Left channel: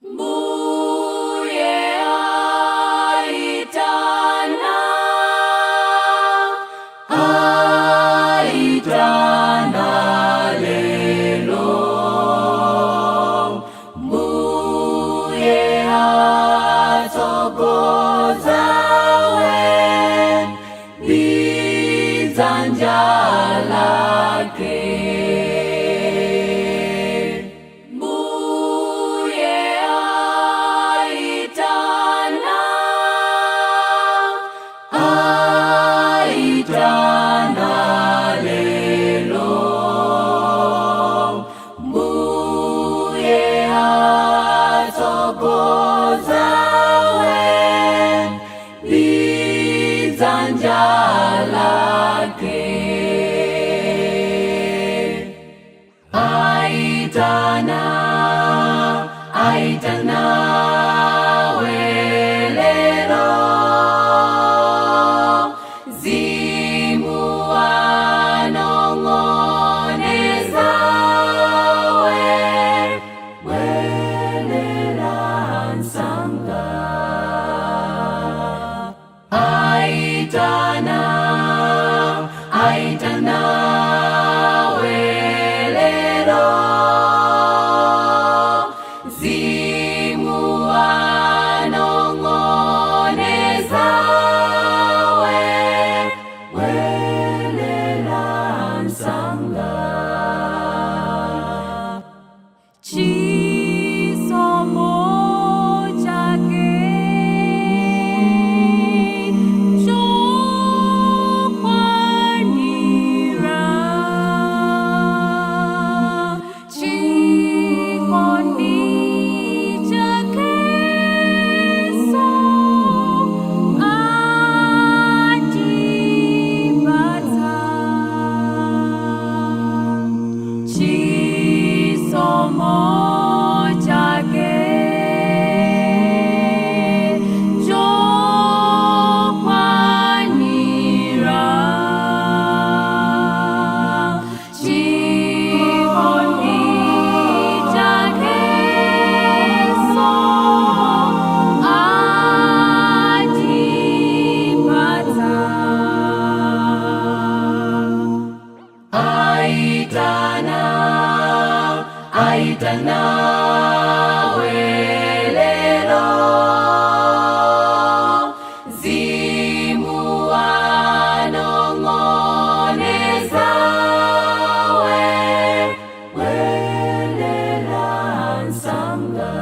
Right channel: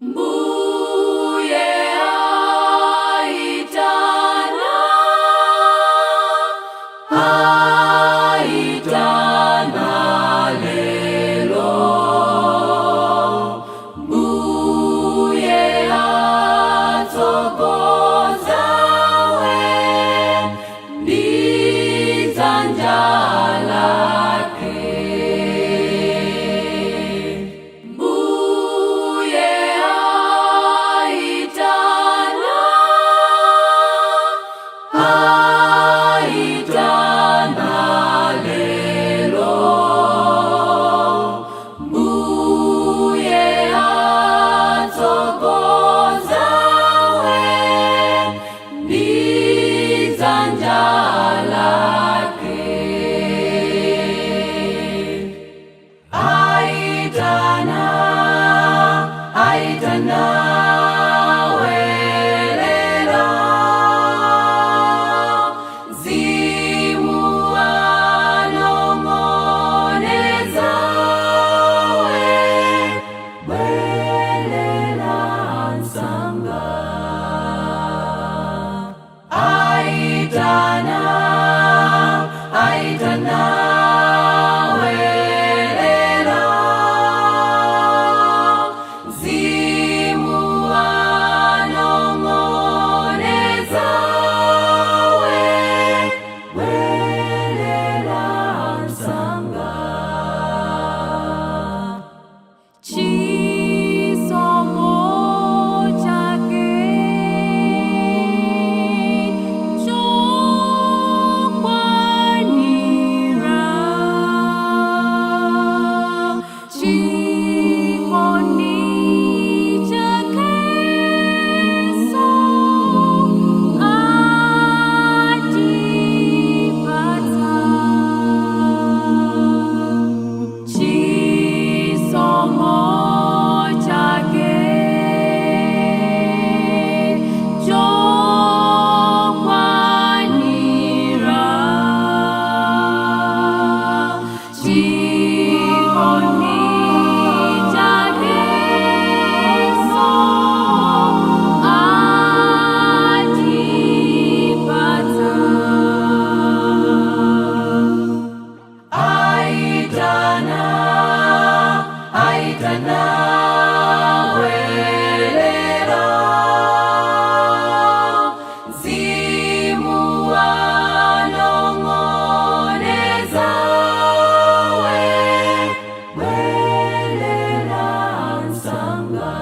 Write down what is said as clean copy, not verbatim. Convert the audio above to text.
Mbuye aitana, aitana lelo. Mbuye atokoza bizanja lake. Mbuye aitana, aitana lelo. Mbuye atokoza bizanja lake. Aitana, aitana welelo. Zimu anong'oneza welela nsanga. Aitana, aitana welelo. Zimu anong'oneza welela nsanga. Chisomo chake chokwanira. Chikondi chake so ajibata. Chisomo chake chokwanira. Chikondi chake so ajibata. Aitana, aitana welelo. Zimu anong'oneza welela nsanga.